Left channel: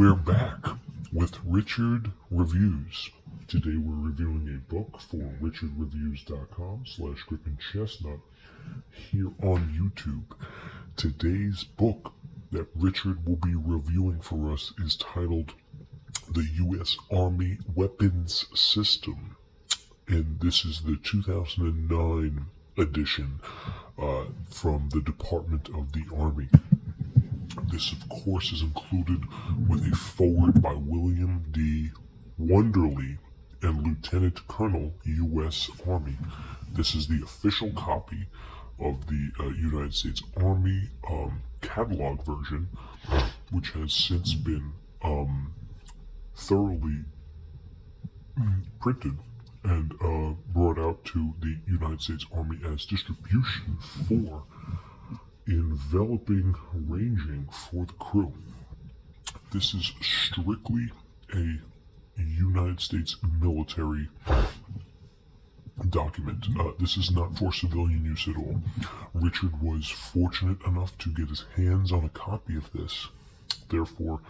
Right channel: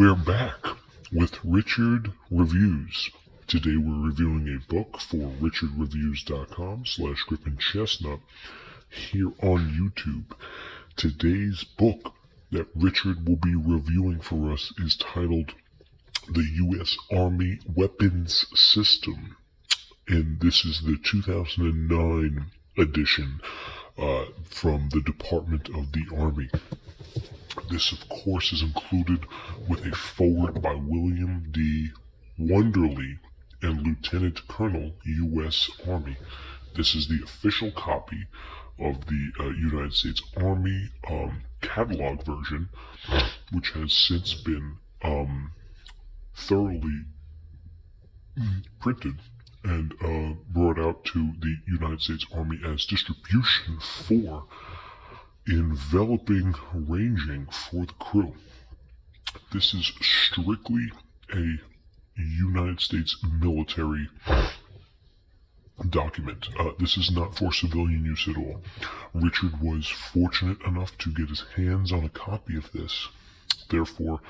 We're back with Richard Reviews. Today we're reviewing a book for richardreviews.com/GriffinChestnut here on YouTube. Today's book that Richard will be reviewing for us is titled The U.S. Army Weapons System, and this is the 2009 edition from the Department of the Army. This, of course, is included with a foreword by William D. Wunderle and Lieutenant Colonel, U.S. Army. This is the official copy of the United States Army catalog version, which has since been thoroughly printed and brought out to the United States Army as distribution for enveloping ranging for the crew. This is strictly a United States military document. This is not for civilian use at all. Richard was fortunate enough to get his hands on a copy of this. Therefore,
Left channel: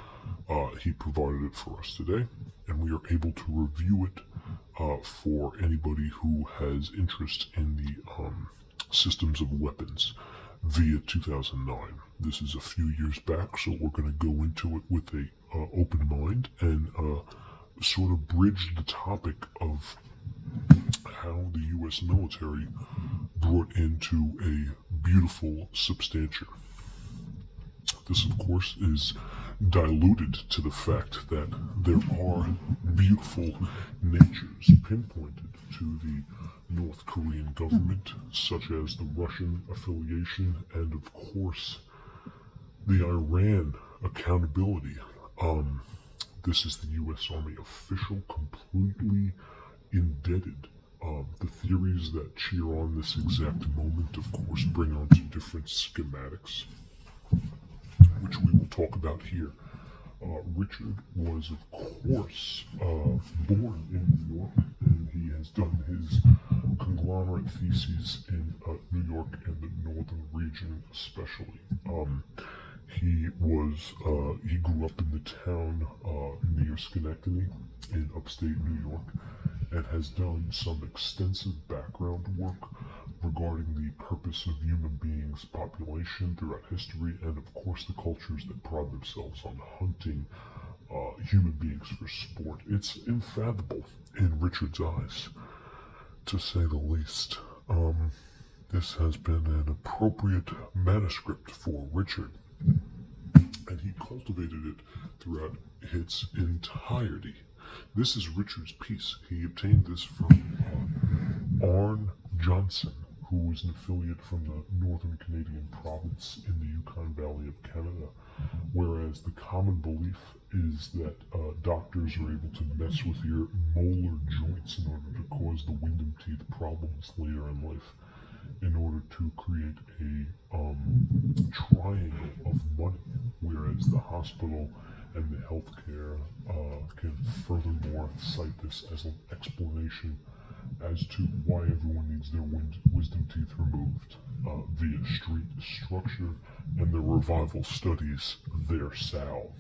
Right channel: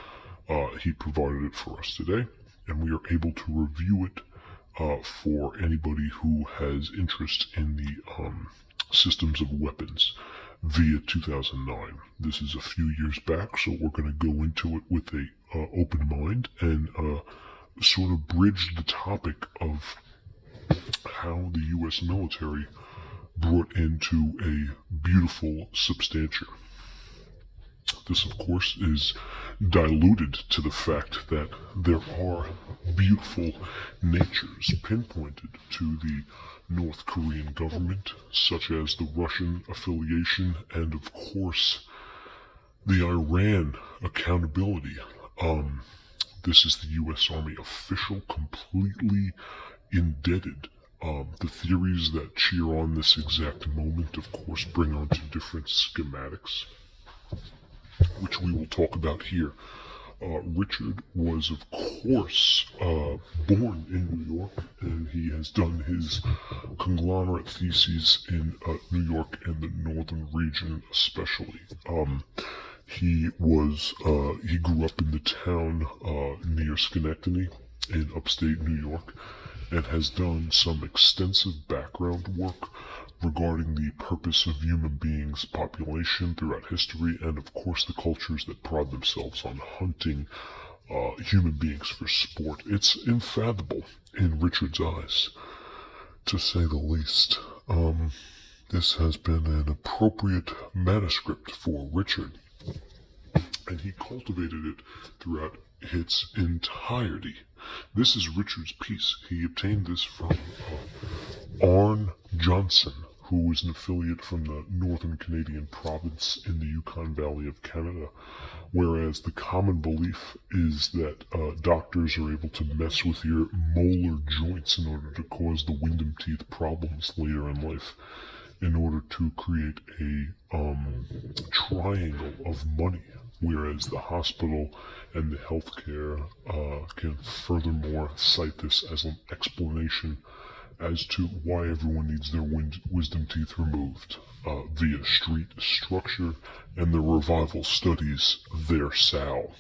he provided it for us today, and we are able to review it for anybody who has interest in the systems of weapons via 2009. This is a few years back, so we're going to go into it with a open mind and sort of bridge the topic of how the U.S. military brought into a beautiful substantia. This, of course, is diluted to the fact that there are beautiful natures pinpointed to the North Korean government, such as the Russian affiliation and, of course, the Iran accountability. This is the U.S. Army official, completely indebted. The theories that cheer on this exact moment, of course, bring on to different schematics, which we will talk about here. Richard was, of course, born in New York, and he has done his conglomerate theses in New York and the northern region especially. He grew up in the town near Schenectady in upstate New York, and has done some extensive background work regarding the purpose of human beings' population throughout history, and of course the cultures that pride themselves on hunting human beings for sport. It's unfathomable in Richard's eyes, to say the least. This has been an appropriate manuscript for Richard, and he cultivated it throughout its entirety. This is Richard's piece. He obtained this from Arne Johnson, who was an affiliate from the Northern Canadian province in the Yukon Valley of Canada, whereas the common belief is that doctors are able to mess with your molar joints in order to cause the wisdom teeth problems later in life, in order to create a triangle of money, whereas the hospital and the healthcare can furthermore cite this as an explanation as to why everyone needs their wisdom teeth removed via street structure and the revival studies their sow.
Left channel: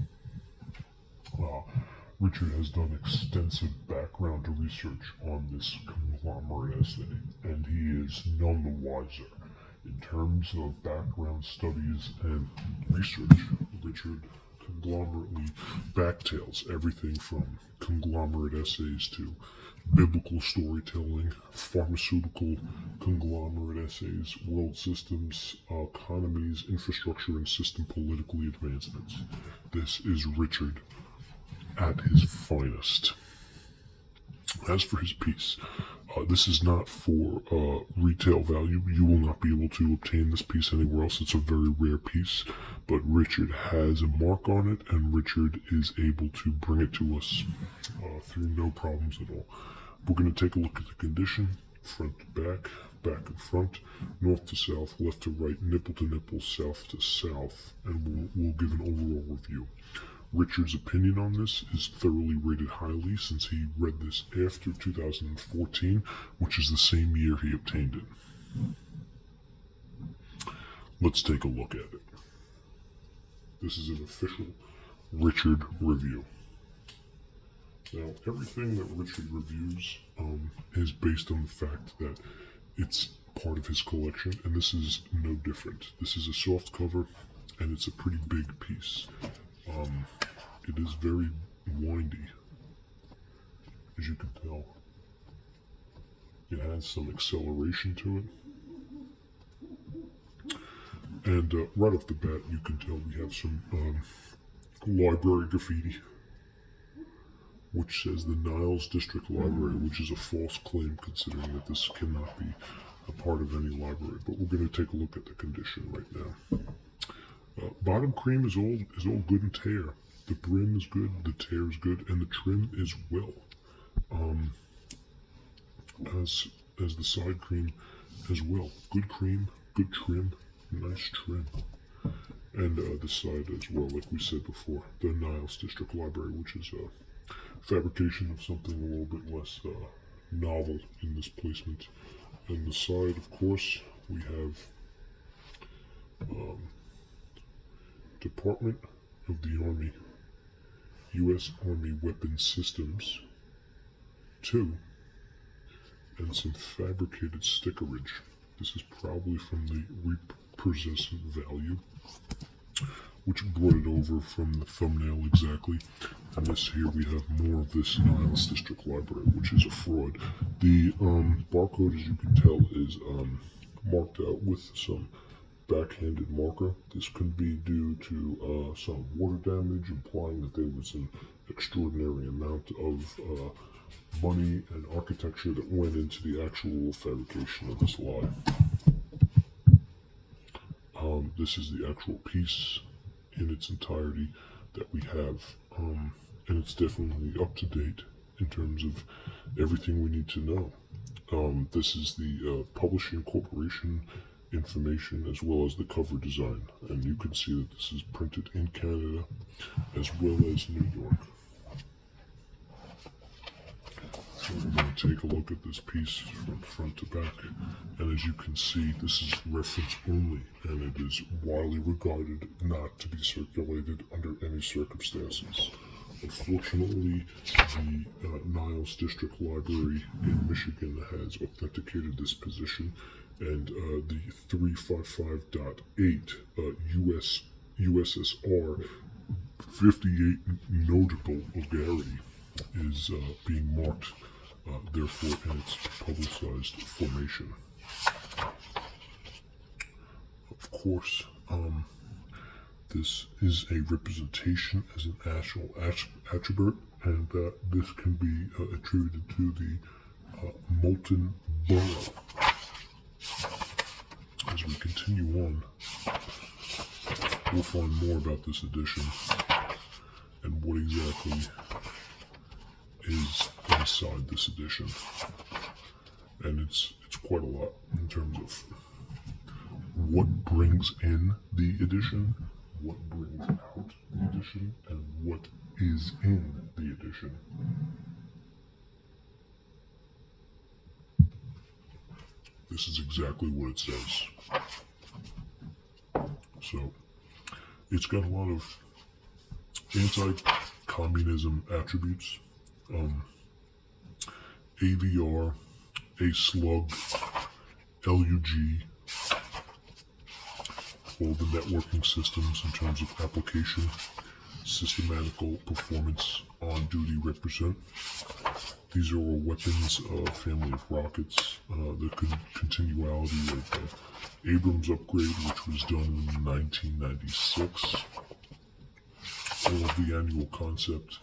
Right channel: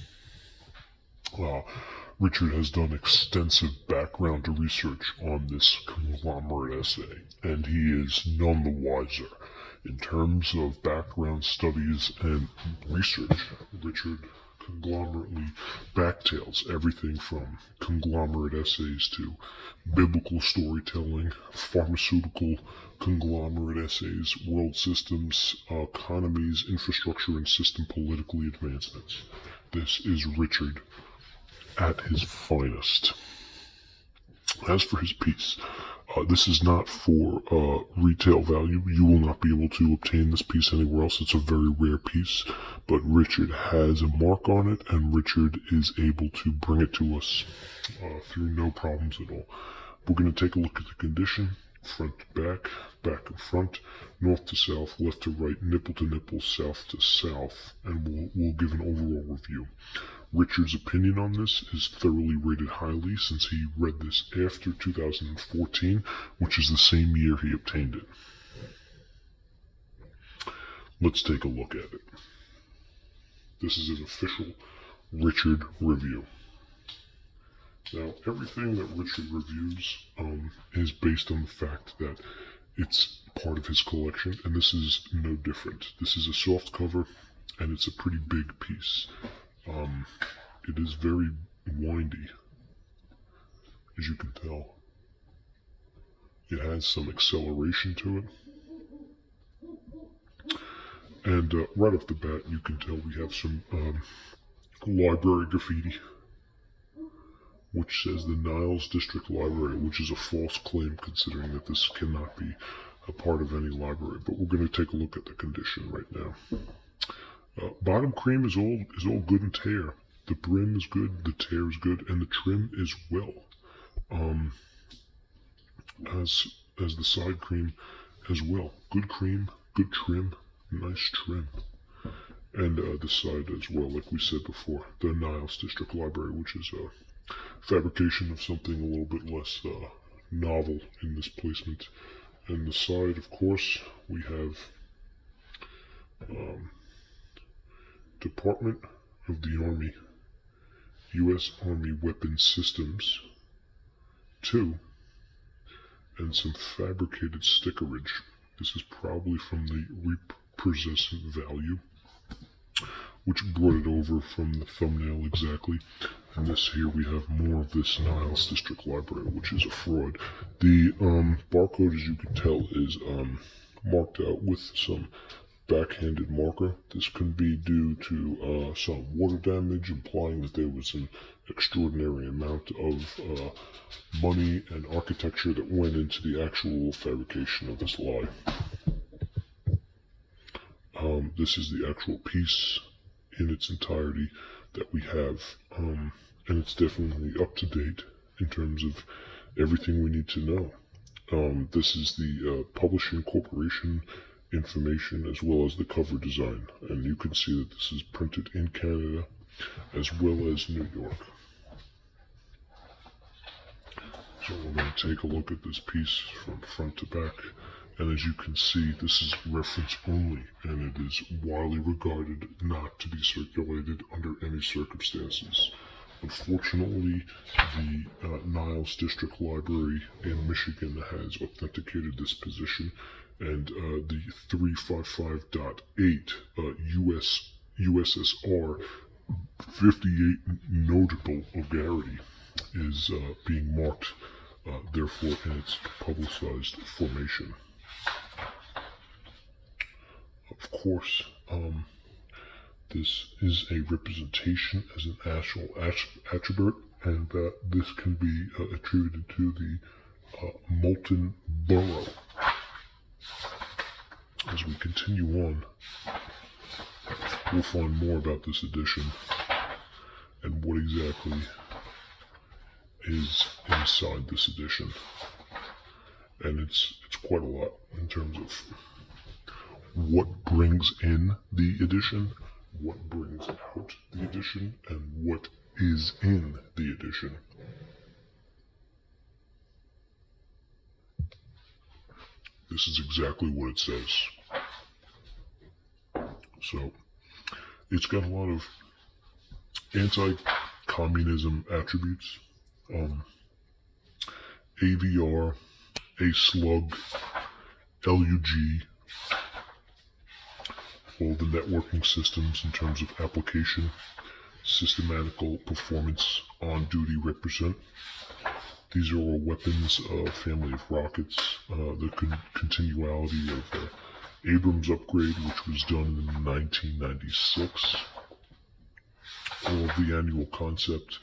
Richard has done extensive background research on this conglomerate essay, and he is none the wiser. In terms of background studies and research, Richard conglomerately backtails everything from conglomerate essays to biblical storytelling, pharmaceutical conglomerate essays, world systems, economies, infrastructure, and system political advancements. This is Richard at his finest. As for his piece, this is not for retail value. You will not be able to obtain this piece anywhere else. It's a very rare piece, but Richard has a mark on it, and Richard is able to bring it to us through no problems at all. We're going to take a look at the condition, front to back, back and front, north to south, left to right, nipple to nipple, south to south, and we'll give an overall review. Richard's opinion on this is thoroughly rated highly, since he read this after 2014, which is the same year he obtained it. Let's take a look at it. This is an official Richard review. Now, everything that Richard reviews is based on the fact that it's part of his collection, and this is no different. This is a soft cover, and it's a pretty big piece. It is very windy, as you can tell. It has some acceleration to it. And right off the bat, you can tell we have some library graffiti, which says the Niles District Library, which is a false claim considering that this cannot be a part of any library. But we're going to take a look at the condition right now. Bottom cream is all good and tear. The brim is good, the tear is good, and the trim is well. As the side cream as well. Good cream, good trim, nice trim. And the side as well, like we said before, the Niles District Library, which is a fabrication of something a little bit less novel in this placement. And the side, of course, we have Department of the Army, U.S. Army Weapons Systems 2, and some fabricated stickerage. This is probably from the repossessed value, which brought it over from the thumbnail exactly. And this here we have more of this Niles District Library, which is a fraud. The barcode, as you can tell, is marked out with some backhanded marker. This could be due to some water damage, implying that there was an extraordinary amount of money and architecture that went into the actual fabrication of this lie. This is the actual piece in its entirety that we have, and it's definitely up to date in terms of everything we need to know. This is the publishing corporation information as well as the cover design, and you can see that this is printed in Canada as well as New York. So we're going to take a look at this piece from front to back, and as you can see, this is reference only, and it is widely regarded not to be circulated under any circumstances. Unfortunately, the Niles District Library in Michigan has authenticated this position, and the 355.8 USSR 58 notable vulgarity is being marked, therefore, in its publicized formation. Of course, this is a representation as an actual attribute, and this can be attributed to the molten borough. As we continue on, we'll find more about this edition and what exactly is inside this edition. And it's quite a lot in terms of what brings in the edition, what brings out the edition, and what is in the edition. This is exactly what it says. So, it's got a lot of anti-communism attributes. AVR, A-Slug, LUG, all the networking systems in terms of application, systematical performance on duty represent. These are all weapons, family of rockets, the continuality of Abrams upgrade, which was done in 1996. All of the annual concept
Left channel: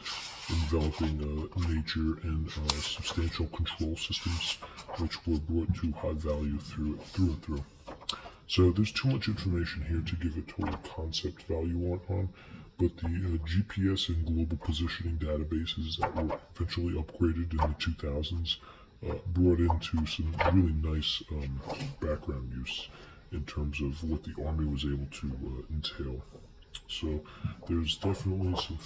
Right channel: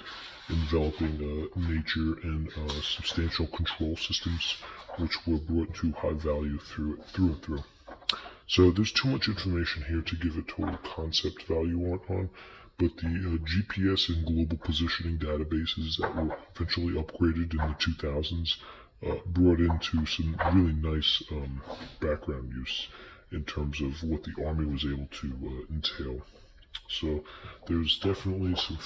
enveloping nature and substantial control systems, which were brought to high value through and through. So there's too much information here to give a total concept value on, but the GPS and global positioning databases that were eventually upgraded in the 2000s brought into some really nice background use in terms of what the Army was able to entail. So there's definitely some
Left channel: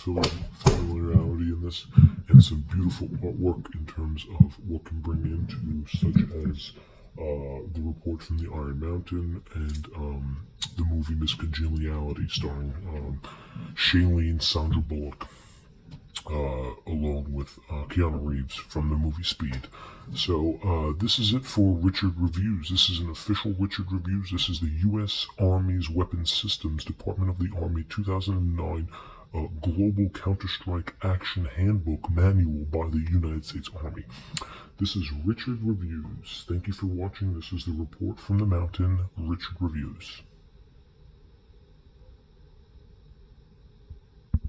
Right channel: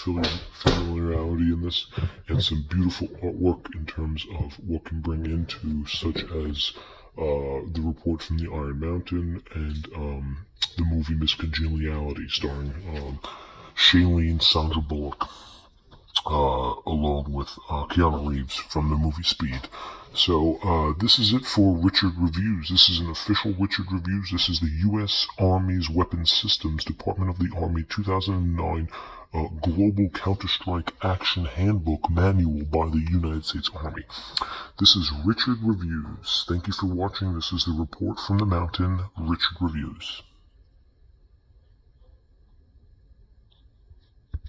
familiarity in this, and some beautiful artwork in terms of what can bring into, such as the report from the Iron Mountain and the movie Miss Congeniality, starring Shailene Sandra Bullock, along with Keanu Reeves from the movie Speed. So this is it for Richard Reviews. This is an official Richard Reviews. This is the U.S. Army's Weapons Systems Department of the Army 2009 Global Counter-Strike Action Handbook Manual by the United States Army. This is Richard Reviews. Thank you for watching. This is the report from the mountain, Richard Reviews.